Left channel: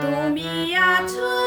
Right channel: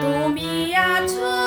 তুমি আছো